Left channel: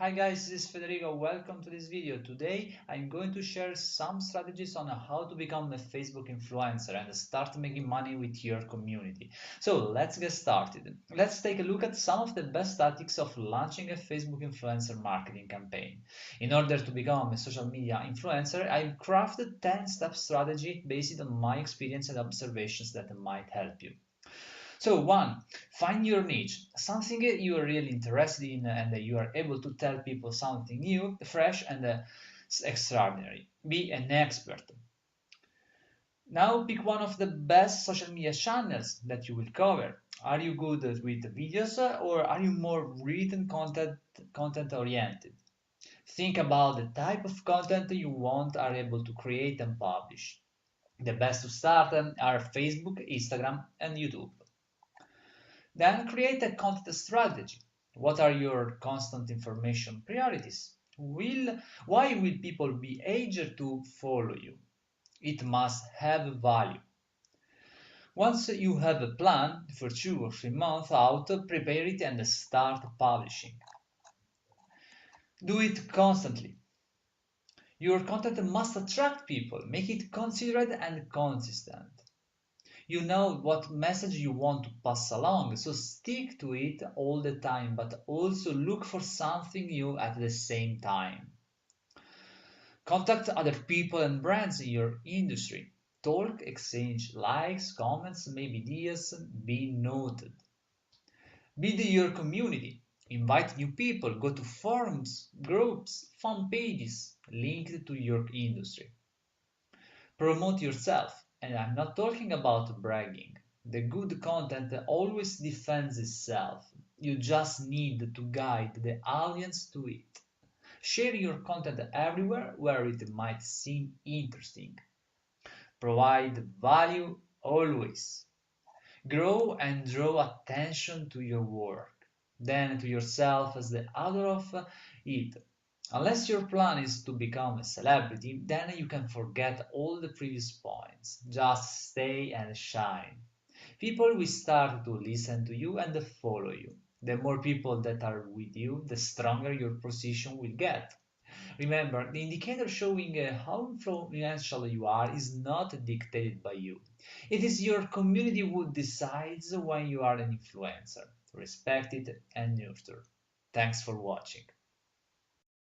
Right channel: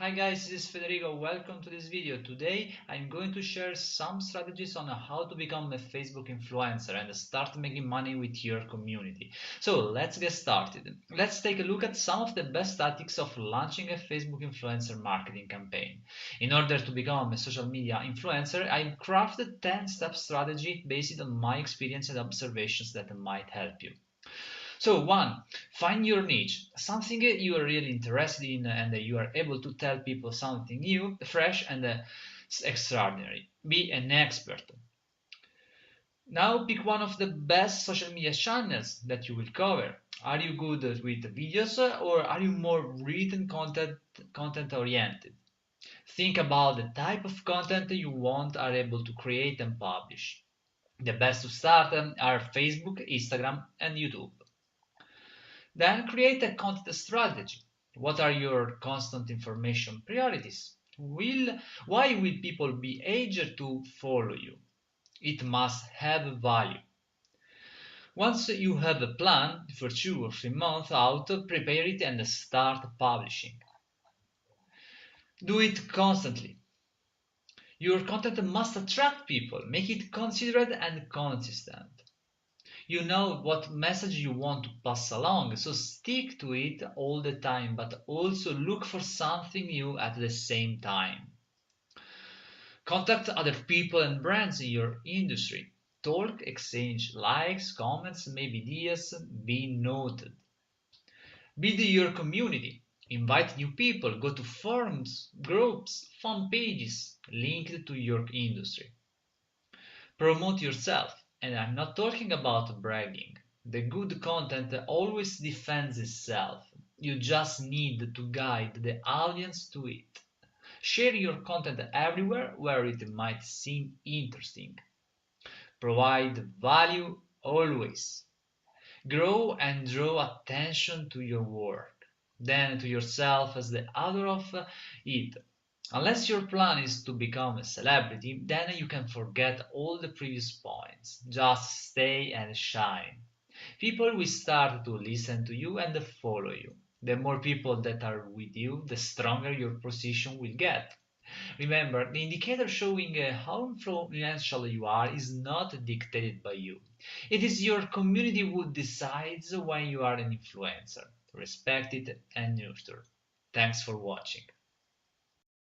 Hi guys, this is Federico. Welcome to this video. Today I'm going to share some strategies on how to become a Facebook influencer and start making money with your community. So let's get started. Let's take a look at some of the best tactics of launching a Facebook influencer marketing campaign. In order to become a social media influencer, I've crafted 10-step strategy based on my experience and observations that might help you. So one, find your niche, something you are really interested in and you are able to tell people something new, fresh and extraordinary. Be an expert. Now pick one of the best social media channels that you will cover. Are you good with videos or are you more written content oriented? Think about the type of content you want are able to create and publish. The best to start are Facebook, Instagram, and YouTube. Then create a content strategy. What are your constant information priorities? Why will people be eager to follow you? It must have value. Once you have a plan for 2 or 3 months out, prepare it and start publishing. Do it constantly. Your content must attract people. Make it considered and consistent. You know what message you want to pass along, so stick to it all the time, but also look for something new at the same time. Contact other people and brands in your industry. Talk, exchange likes, comments, maybe ideas, be noted. Build your community. Invite new people, go to forums, groups, fan pages linked to your industry. Promote yourself, and I'm not talking about bragging. The good content always defends itself. You just need to guide the audience to it. Share your content everywhere where it might seem interesting. Provide value always. Grow and draw attention to your work, then to yourself as the author of it. Unless your plan is to become a celebrity, then you can forget all the previous points. Just stay and shine. People will start to listen to you and follow you. The more people that are with you, the stronger your position will get. Remember, the indicator showing how influential you are is not dictated by you. It is your community who decides when you are an influencer. Respect it and nurture. Thanks for watching.